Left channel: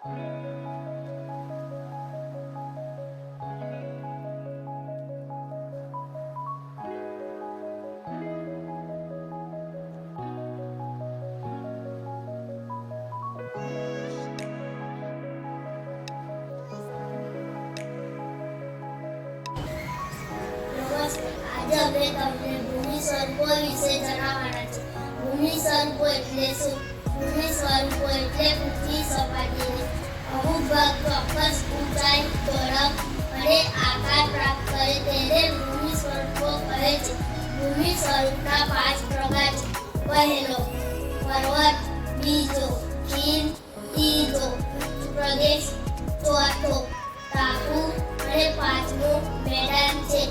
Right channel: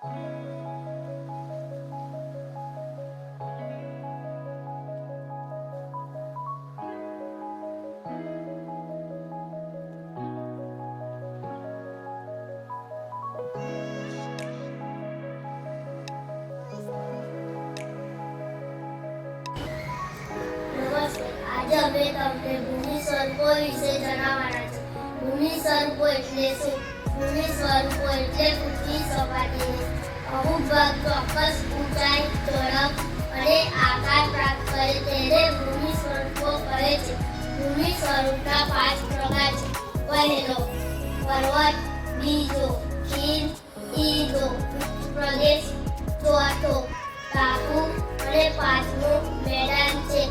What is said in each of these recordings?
આજે અમે તમને ભૂમિ સ્વરૂપો વિશે જણાવવાના છે. ભૂમિ સ્વરૂપો એટલે શું? ભૂમિ સ્વરૂપો એટલે પૃથ્વી સપાટીને અમુક ભાગ ચોક્કસ ઊંચાઈ, ઝડપ અને આકાર પ્રાપ્ત કરે તેને ભૂમિ સ્વરૂપો કહે છે. ભૂમિ સ્વરૂપના 5 પ્રકાર છે. પહેલો પર્વત, બીજો ખીણ, ત્રીજો ઉચ્ચ પ્રદેશ, ચોથો ટાપુ અને પાંચમો મેદાન છે.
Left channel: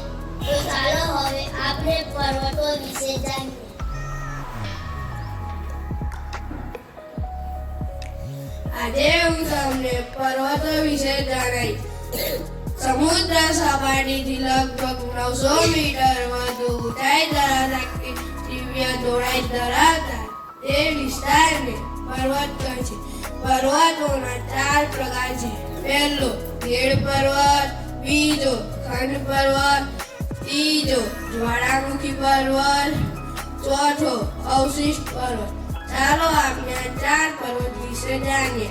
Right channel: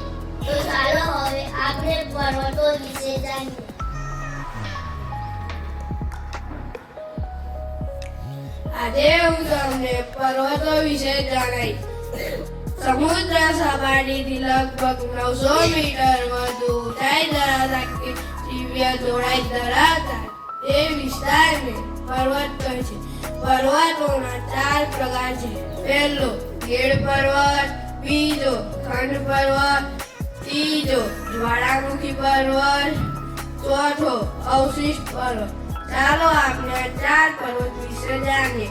તો ચાલો હવે આપણે પર્વતો વિશે જાણીએ. આજે હું તમને પર્વતો વિશે જણાવીશ. સમુદ્ર સપાટીથી લગભગ 900 મીટર વધુ ઊંચાઈ ધરાવતા દિવ્ય જોડાઈ ધરાવતા તે વિસ્તારને પર્વત કહે છે. પર્વતોના 4 પ્રકાર છે. પહેલો ગેડ પર્વત, બીજો ખંડ પર્વત, ત્રીજો જ્વાળામુખી પર્વત, ચોથો અવશિષ્ટ પર્વત. ચાલો આપણે આ 4 પર્વત વિશે જાણીએ.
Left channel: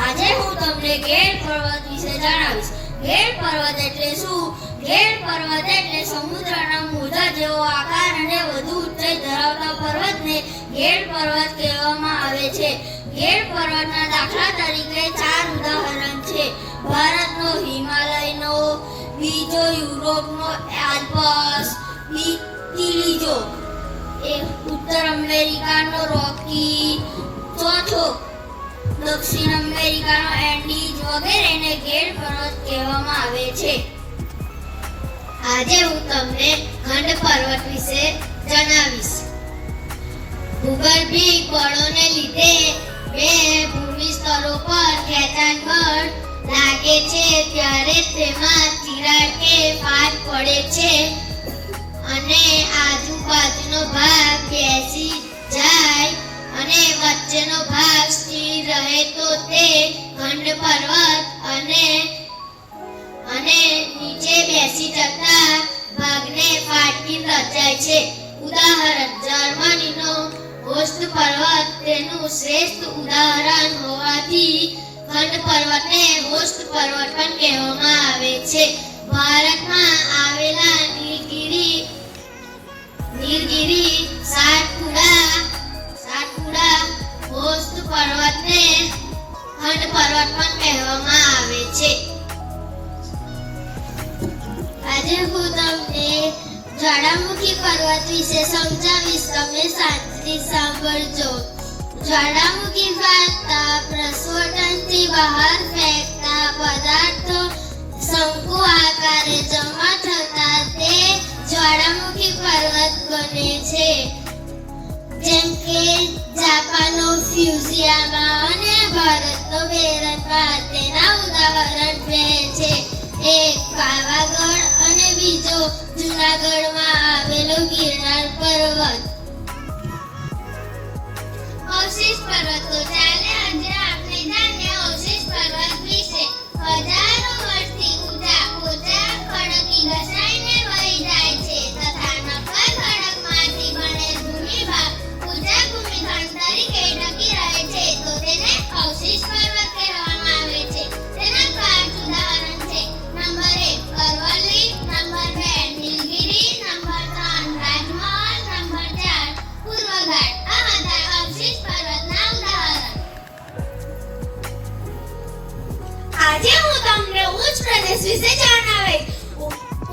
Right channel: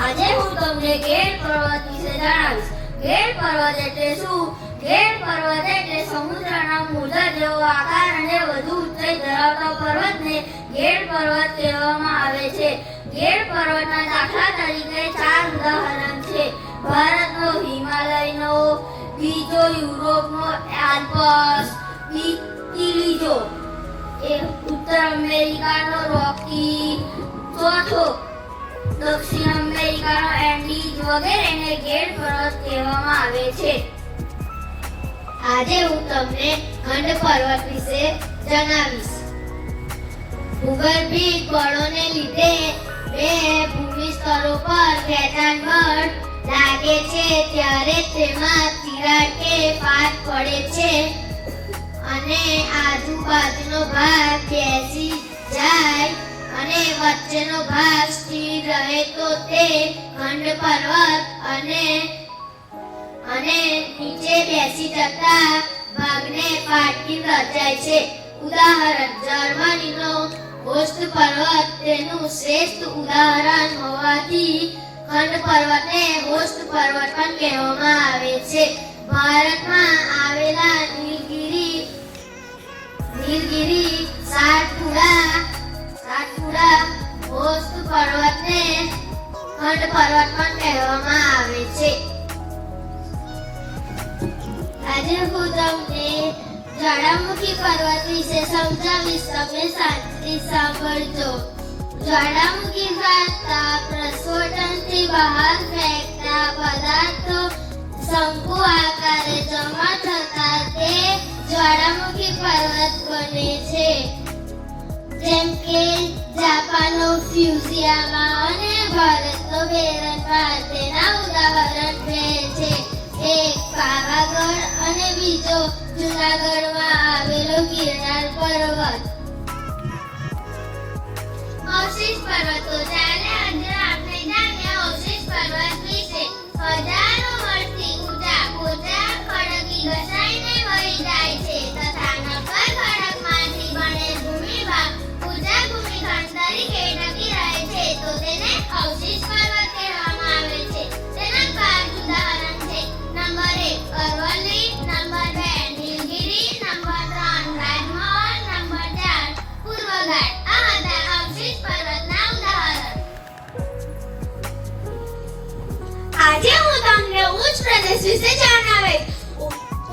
આજે હું તમને ગેડ પર્વત વિશે જણાવીશ. ગેડ પર્વત એટલે શું? ગેડ પર્વત એટલે સમુદ્રના મોજા જેવો આકાર અને વધુ ઊંચાઈ ધરાવતા પર્વતને ગેડ પર્વત કહેવામાં આવે છે. ગેડ પર્વતના દાખલા તરીકે 4 ઉદાહરણ છે. ભારતનો હિમાલયનો, બીજો યુરોપનો આલ્પ્સ, ત્રીજો ઉત્તર અમેરિકાનો રોકી, ચોથો દક્ષિણ અમેરિકાનો એન્ડીઝ વગેરેને ગેડ પર્વત કહેવામાં આવે છે. આજે હું તમને ખંડ પર્વત વિશે જણાવીશ. ભૂગર્ભિક બળોને લીધે બે ભૂમિ સ્તરો પર ખેંચાણ બળ લાગે છે ત્યારે તેમાં તિરાડ કે ફાટ પડે છે અને આજુબાજુનો ભાગ બેસી જાય અને વચ્ચેનો ભાગ સ્થિર રહે તો તે ખંડ પર્વત અને નીચે બેસી જતા ભાગને ફાટકી રચાય છે. ઉદાહરણ જર્મનીનો હોસ્ટ પર્વત તેનું શ્રેષ્ઠ ઉદાહરણ હોવાથી ખંડ પર્વતને હોસ્ટ પર્વત પણ કહેવામાં આવે છે. ભારતમાં આવેલા નીલગિરી સાતપુડા હોસ્ટ પર્વતને ખંડ પર્વત પણ કહેવામાં આવે છે. આજે હું તમને જ્વાળામુખી પર્વત વિશે સમજાવીશ. તમે શાંતિથી સાંભળજો. જ્વાળામુખી ફાટતા પ્રસ્ફોટનથી બહાર ફેંકતા પદાર્થો શંકુ આકારે જમા થતા તે જ્વાળામુખી પર્વત બને છે. જેમ કે જાપાનનો ફ્યુજીયામા અને ભારતનો બેરનપાર તેના ઉદાહરણ બે છે. એક પાવાગઢ અને બીજો જૂનાગઢમાં આવેલો ગિરનાર પર્વત. અવશિષ્ટ પર્વતો. ચાલે આજે આપણે જાણીએ અવશિષ્ટ પર્વત વિશે. હજારો વર્ષથી ઊંચા પોચા ખડકી ઘસાઈને વહી જાય છે તથા નક્કર ખડકમાંથી બનેલ ભૂમિભાગ ઊંચા ભૂમિખંડ તરીકે ટકી રહે છે તો તેને અવશિષ્ટ પર્વત કહેવામાં આવે છે. તેના 5 ઉદાહરણ છે. નંબર 1 અરવલ્લી, નંબર 2 નીલગિરી, નંબર 3 રાજમહલ, નંબર 4 પૂર્વઘાટ. આ હતા અવશિષ્ટ પર્વતના ઉદાહરણ. આજે હું તમને ઉચ્ચ પ્રદેશ વિશે જણાવીશ.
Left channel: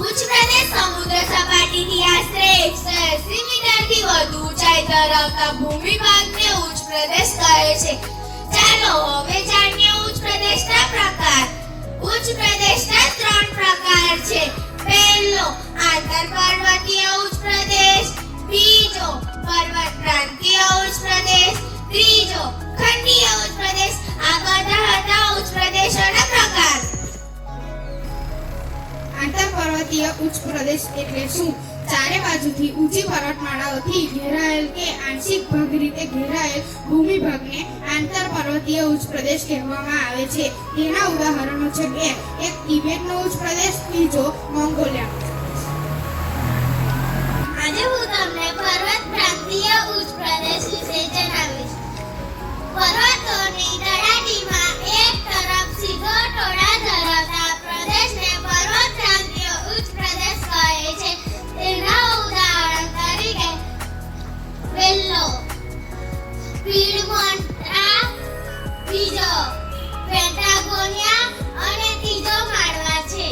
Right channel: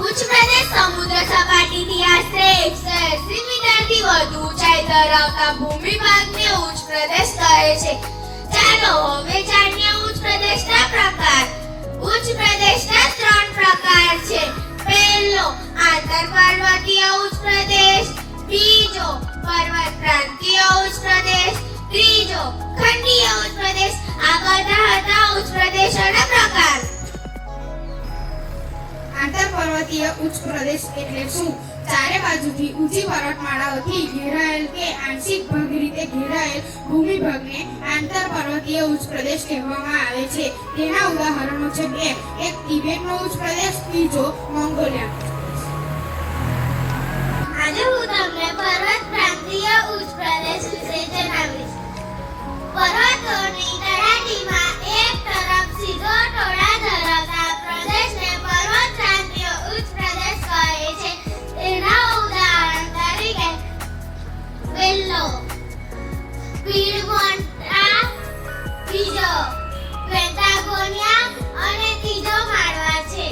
ઉચ્ચ પ્રદેશ સમુદ્ર સપાટીથી આશરે 180 મીટરથી વધુ ઊંચાઈ ધરાવતા ભૂમિભાગને ઉચ્ચ પ્રદેશ કહે છે. ચાલો હવે જાણીએ ઉચ્ચ પ્રદેશના પ્રકાર. ઉચ્ચ પ્રદેશના 3 પ્રકાર છે. પહેલો આંતરપર્વતીય ઉચ્ચ પ્રદેશ, બીજો પર્વતક્રાંતીય ઉચ્ચ પ્રદેશ, ત્રીજો ખંડીય ઉચ્ચ પ્રદેશ. આ બધા હતા ઉચ્ચ પ્રદેશોના પ્રકાર. આંતરપર્વતીય ઉચ્ચ પ્રદેશ એટલે શું? ચારે બાજુ બાજુથી ઊંચી પર્વતમાળાઓથી ઘેરાયેલ કે આંશિક ભાગ રીતે ઘેરાયેલ ભૂમિભાગને આંતરપર્વતીય ઉચ્ચ પ્રદેશ કહેવામાં આવે છે. તેના ઉદાહરણો છે કે એક તિબેટનો ઉચ્ચ પ્રદેશ, બીજો મોંગોલિયા. આજે હું તમને પર્વત પ્રાંતીય ઉચ્ચ પ્રદેશ વિશે જણાવીશ. પર્વતોની તળેટીમાં એક તરફ સીધો ટોળા ધરાવતા પ્રદેશને પર્વત પ્રાંતીય ઉચ્ચ પ્રદેશ કહે છે. તેના ઉદાહરણ તરીકે વેલ્લો, પીડમોન્ટા, બીજો પેટાગોનિયા અને ત્રીજો માળવા છે.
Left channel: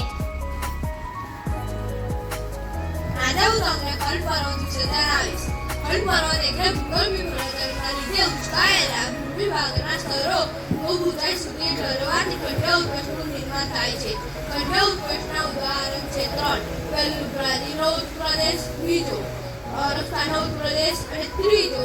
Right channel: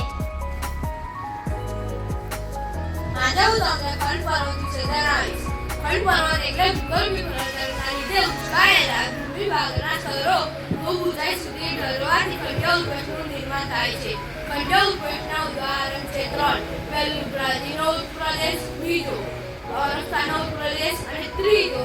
આજે હું તમને ખંડ પર્વત વિશે જણાવીશ. ખંડ પર્વત એટલે ભૂગોળની પરિવર્તનના લીધે ઉંચાયેલા ભૂમિભાગના સ્તરો ખૂબ ઊંચાઈ સુધી ઢળવાથી ખંડ ઉપવનનું નિર્માણ થાય છે. ખંડ ઉપવનના ઉદાહરણ છે 3. પહેલું બ્રાઝિલનો ઉચ્ચ પ્રદેશ, બીજો ઓરસ્કાનો ઉચ્ચ પ્રદેશ અને ત્રીજો